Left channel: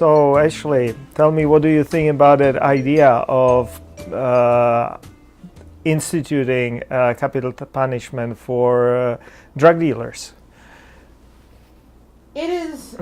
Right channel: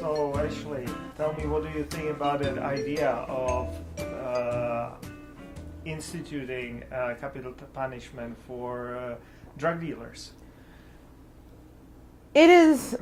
So actually, tell me, what do you think about that idea of instituting capital punishment for drug dealers? It is.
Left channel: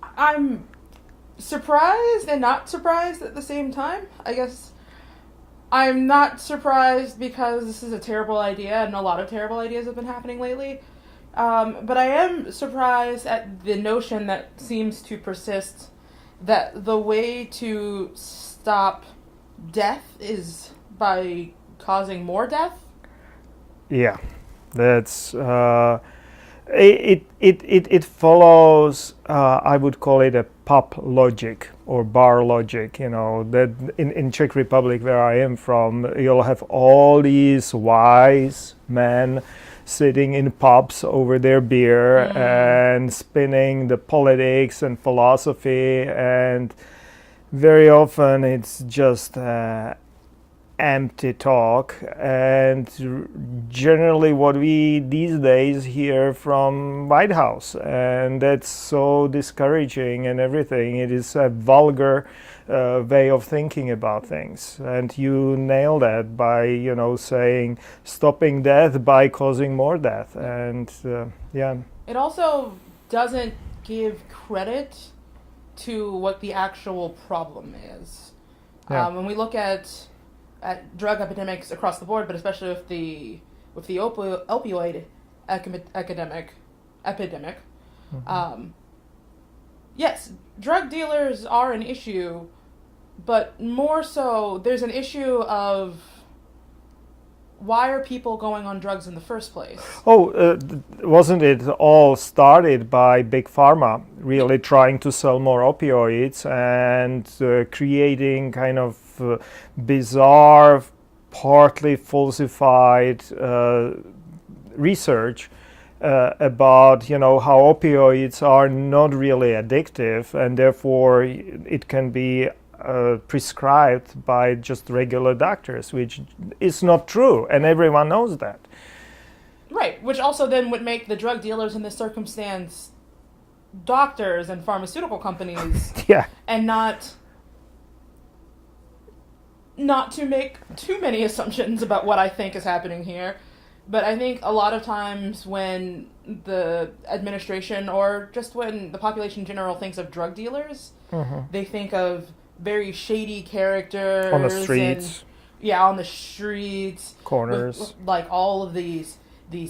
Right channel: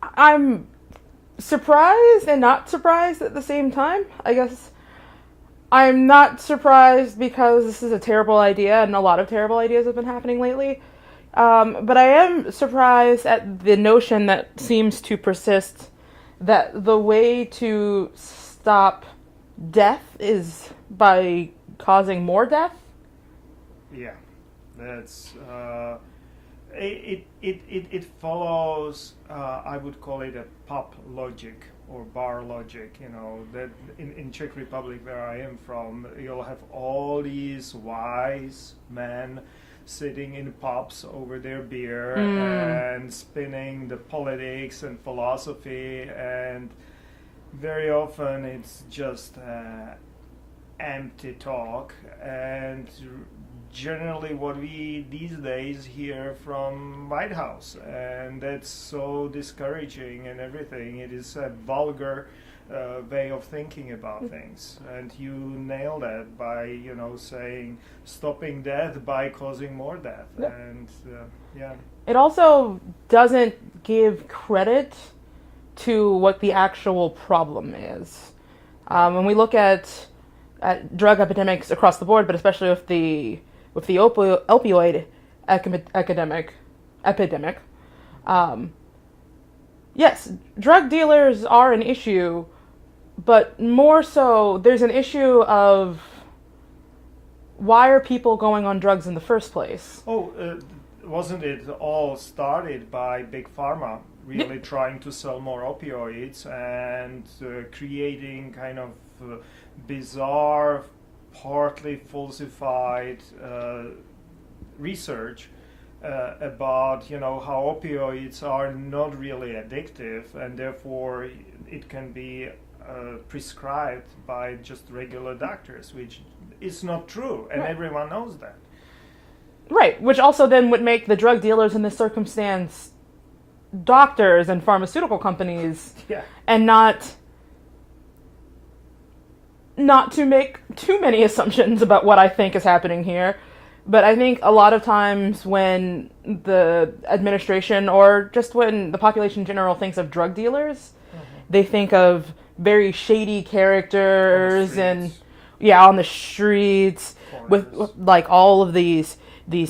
I'm surprised and not surprised at the same time. I guess I'm not surprised because this is a terrible idea, and a lot of terrible ideas have been happening lately. But I am surprised at the notion that seems to persist that the way to stop death is by causing more death. Yeah, that's it follows. I would call it a pub logic or bar logic. You know that in Czech Republic, where I am from, you'll have all these wise men sitting in pubs over their beer and spinning the politics and philosophy, and very often it's just empty talk, and generally what we these days hear from White House, and that's so discouraging and everything. It is a vulgar way of thinking about things, and you nail that by saying stopping death by causing more death. And it also doesn't give credit to what the actual problem is. When we look at drug epidemics across the board, but especially with the opioid epidemic. Yes, drug dealers are an issue, but more so, there's an issue of why are people going on drugs in the first place? Wasn't it all started by Big Pharma really trying to sell more opioids and creating kind of bizarre, partly falsified research about how opioids are not really addictive, and therefore it can be prescribed by just regular doctors, which is not true, and everyone knows that. Right, which also then would make the drug dealers in this circumstance doctors and pharmaceutical companies, and not to make too many assumptions about what I think is happening here. But I think a lot of times when the administration, or just when the population in general thinks of drug dealers, they think of very shady characters on the streets. On the streets, corners, with like all of these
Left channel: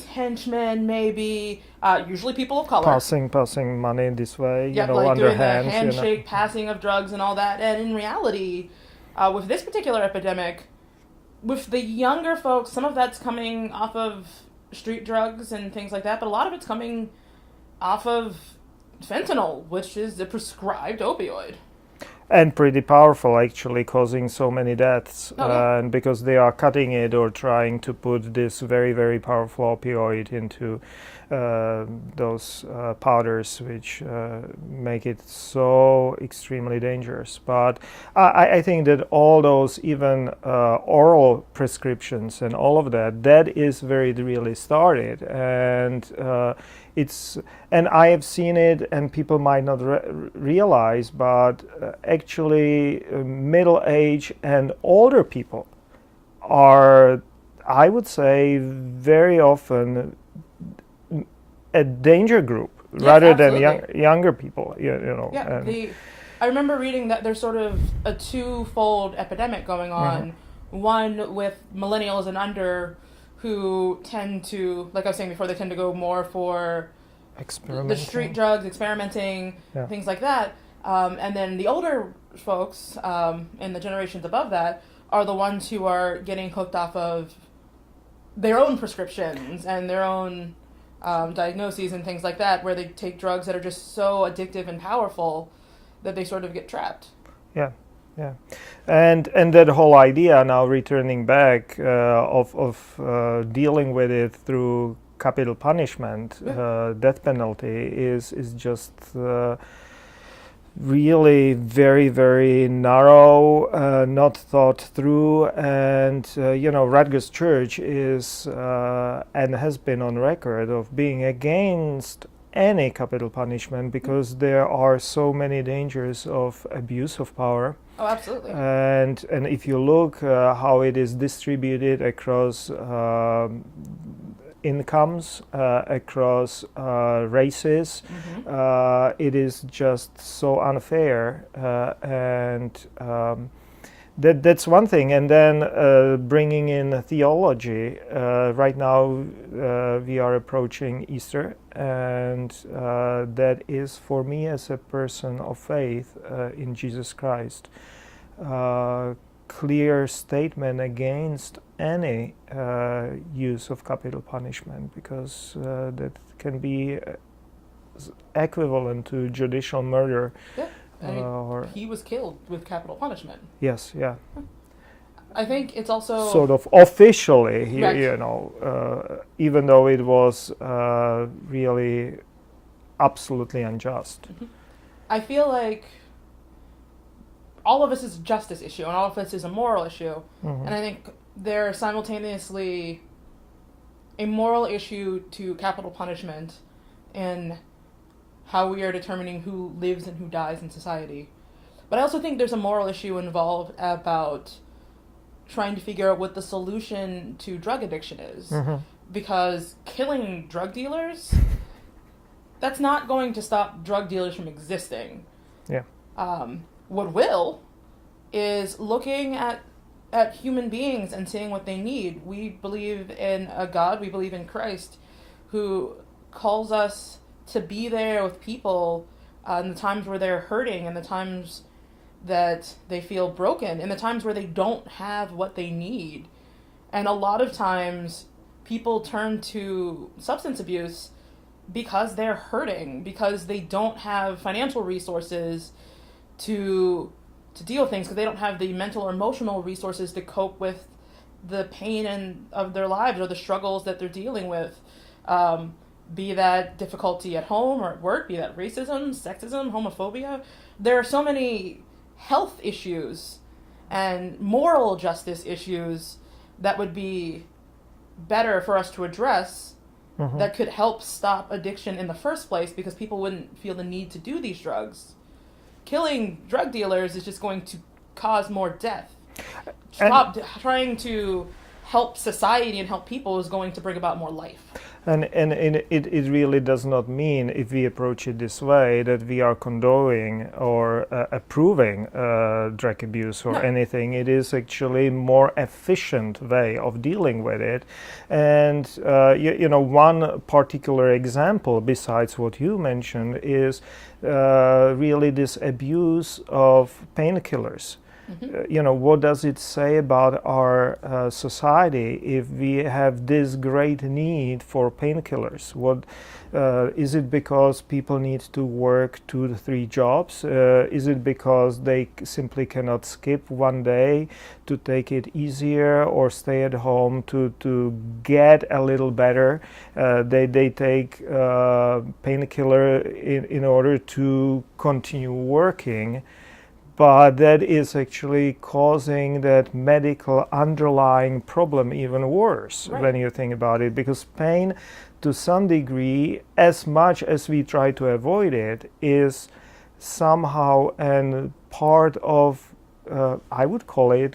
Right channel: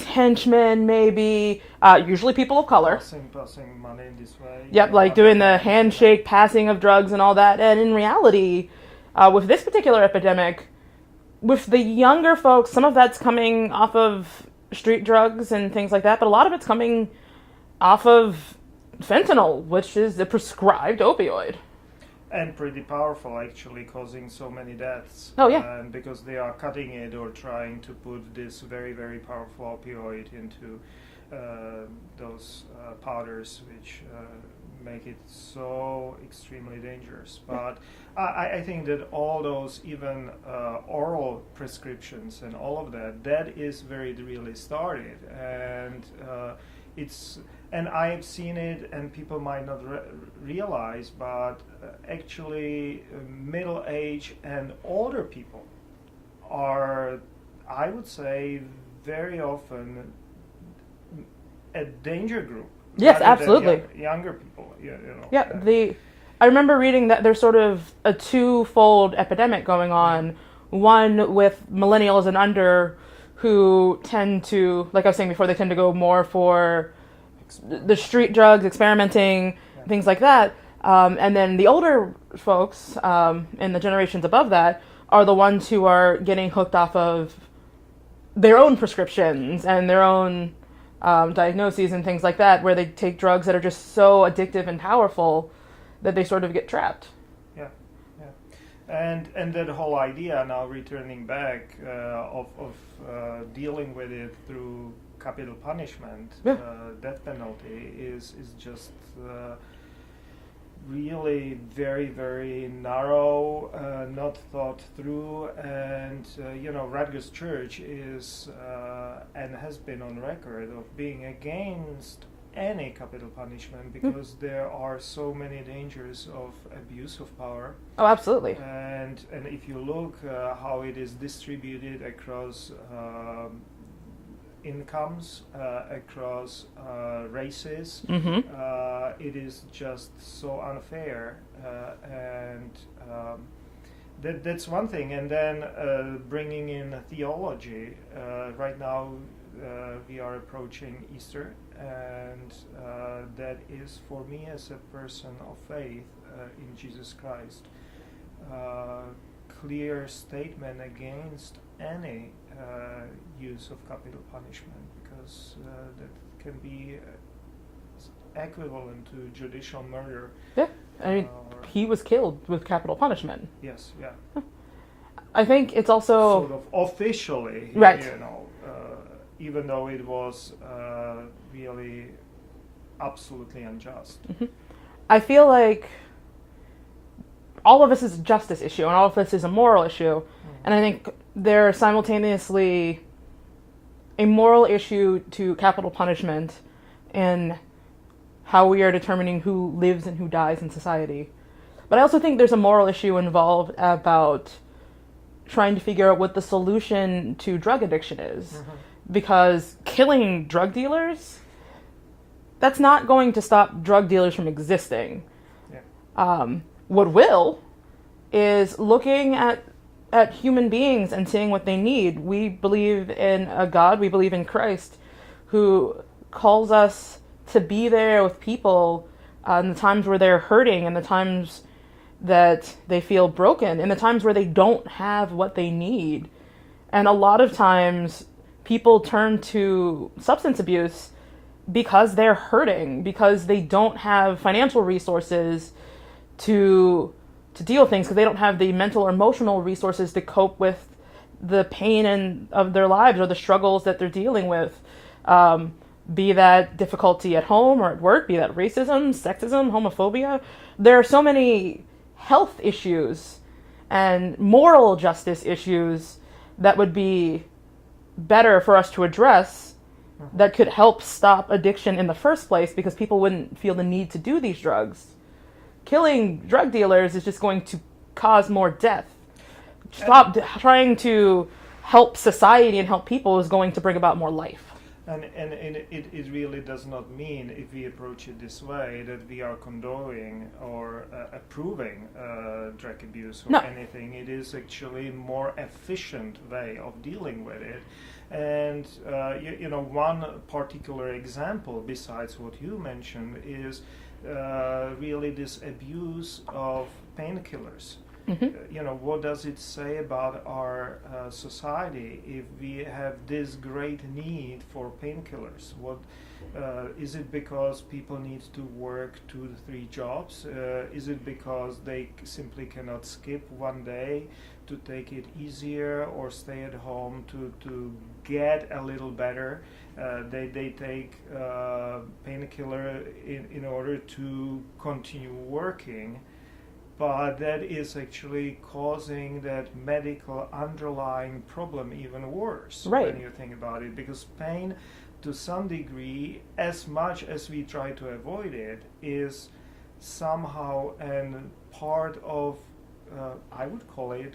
henchmen, maybe usually people of color, passing money this way. Like doing the handshake passing of drugs and all that. And in reality, with this particular epidemic, with the younger folks, some of that's coming off of street drugs and things like that, but a lot of it's coming off of fentanyl, which is a prescribed opioid. And pretty powerful, actually, causing so many deaths. And because they are cutting it or trying to put this very, very powerful opioid into those powders, which make it so extremely dangerous. But I think that all those, even oral prescriptions and all of that is where it really started. And and I have seen it, and people might not realize, but actually middle-aged and older people are, I would say, very often a danger group rather than younger people. I remember reading that there's sort of a twofold epidemic going on. One with millennials and under, who tend to, like I was saying before, they tend to go more for the street drugs, experimenting, things like that. And then the older folks, and the generations above that, are the ones who are getting hooked off of their own prescriptions and their own diagnoses and things like that, where they take drugs that are just so addictive and powerful that they sort of get trapped. And that whole idea, now returning back, of dealing with it through capital punishment, death penalty, is just really very, very narrow, not thought through. And Rutgers Church is and has been on record of being against any capital punishment because there are so many dangers of abuse of power. Oh, absolutely. And if you look how it is distributed across incomes, across races, it is just so unfair, and that's one thing. And then bringing in theology. Right now we are approaching Easter, and that is for me as a person of faith in Jesus Christ, clear statement against any use of capital punishment, because that can be equivalent to judicial murder. Yeah, I mean, he was killed with capital punishment. Yes, yeah. I think it's also sort of officially, right. Even though it was really absolutely unjust. I feel like all of this is a justice issue, and all of this is a moral issue. And I think they're simultaneously a moral issue to capital punishment in how we are determining who lives and who dies in society. But I also think there's a moral issue involved about trying to figure out what the solution to drug addiction is. Because killing drug dealers, that's not going to stop drug dealers from existing. Yeah. What will is looking at human beings and seeing what they need. We believe in a God, we believe in Christ, who calls us to be there with people in the times where they're hurting, in the times that they feel broken, in the times where they don't have what they need. And a lot of times people turn to substance abuse because they're hurting, because they don't have financial resources to deal with things, because they don't have the mental or emotional resources to cope with the pain of their lives or the struggles that they're dealing with. Be that difficulty at home or at work, be that racism, sexism, homophobia. There are so many health issues and moral justice issues that would be better for us to address, that could help stop addiction in the first place, because people wouldn't feel the need to do these drugs. Killing drug dealers is just going to cause more death. Trying to help society and help people is going to bring about more life. And it really does not mean, if we approach it this way, that we are condoning or approving drug abuse or anything. It is actually a more efficient way of dealing with it. And one particular example, besides what you mentioned, is really this abuse of painkillers. What does it say about our society if we have this great need for painkillers? What is it because people need to work 2 to 3 jobs? Is it because they simply cannot skip one day to take it easier or stay at home to get a little better? They take painkiller in order to continue working. But that is actually causing that medical underlying problem even worse when you think about it, because pain, to some degree, as much as we try to avoid it, is somehow a part of, I would call it,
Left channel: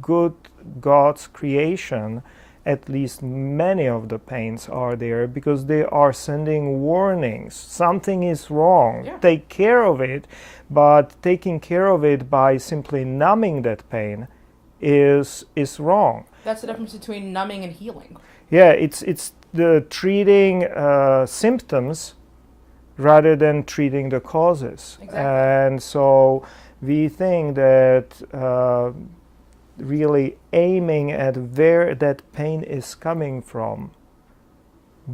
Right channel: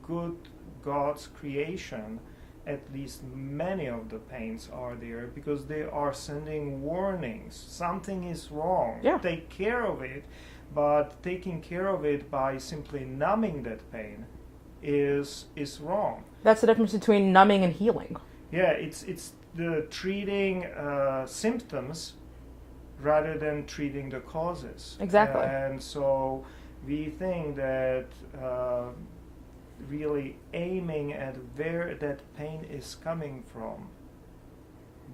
good God's creation. At least many of the pains are there because they are sending warnings. Something is wrong. Yeah. Take care of it. But taking care of it by simply numbing that pain is wrong. That's the difference between numbing and healing. Yeah, it's the treating symptoms rather than treating the causes. Exactly. And so we think that really aiming at where that pain is coming from,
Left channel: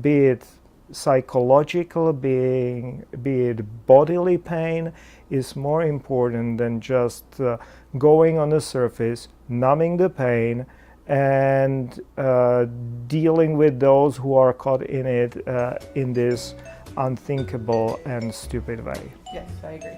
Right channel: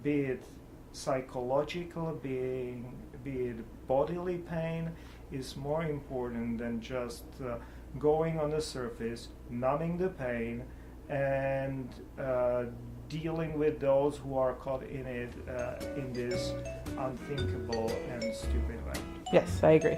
be it psychological, be it bodily pain, is more important than just going on the surface, numbing the pain, and dealing with those who are caught in it in this unthinkable and stupid way. Yes, I agree.